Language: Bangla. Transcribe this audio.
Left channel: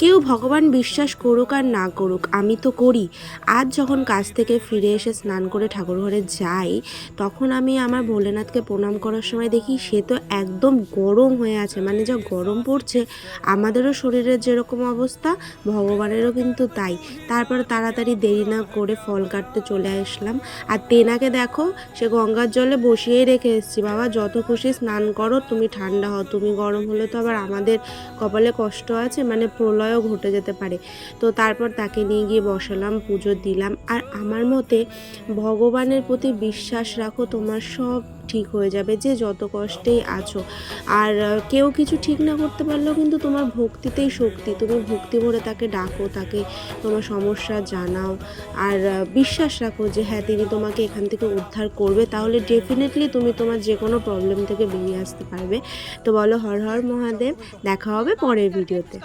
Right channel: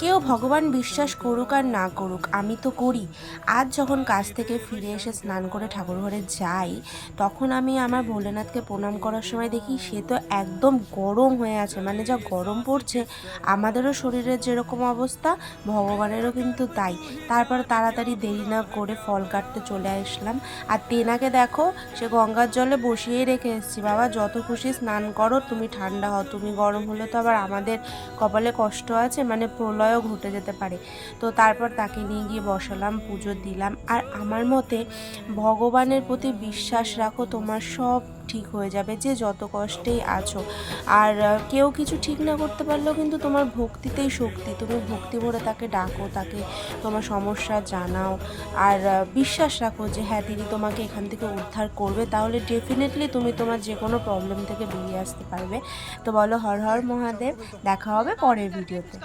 কেউ ভগবান বিশ্বাস করুক আর না করুক, আমি তো করি। আজ যখন কাজ থেকে ফিরে এসে স্নান করে ঠাকুর ঘরে যাই, তখন আমি আমার ভোলেনাথকে প্রণাম করার সময় দেখি সে তো একদম গরম হয়ে আছে, মানে যা গরম পড়ছে, আমাদেরও শরীরের যেরকম অবস্থা ভগবানেরও কিন্তু তাই। তারপর তাড়াতাড়ি দেরি না করে ফল কাটতে চলে আসলাম। আর টেনাকে দেখো, সে গঙ্গার জলে বসিয়েই রেখে এসেছি, বাবা যত খুশি স্নান করো, তুমি ঠান্ডা হও, তুমি গরম হলে তো আবার আমাদের কপালে কষ্ট আছে, মানে প্রলয়ও ঘটে যেতে পারে। তো তারপর তাকে নিয়ে গিয়ে বসালাম, পুজো দিলাম। আর আমার মতে ভগবানের প্রতি বিশ্বাস রাখো, তোমার সব ঠিক হয়ে যাবে, যে যত কষ্টেই আছো। আর কেউ কিছু ঠিক না করতে পারলেও কিন্তু তোমার ভক্তিতেই শক্তি, তুমি ভক্তি ভরে তাকে ডাকো, তাকে তোমার সমস্যা জানাও, আর বিশ্বাস রাখো যে হ্যাঁ তিনি তোমাকে এখান থেকে উদ্ধার করবে, তাহলে ডেফিনেটলি তুমি তোমার যে কোনো প্রবলেম থেকে বেরিয়ে আসতে পারবে। তো বলো হর হর মহাদেব। দেখা হবে পরের ভিডিওতে।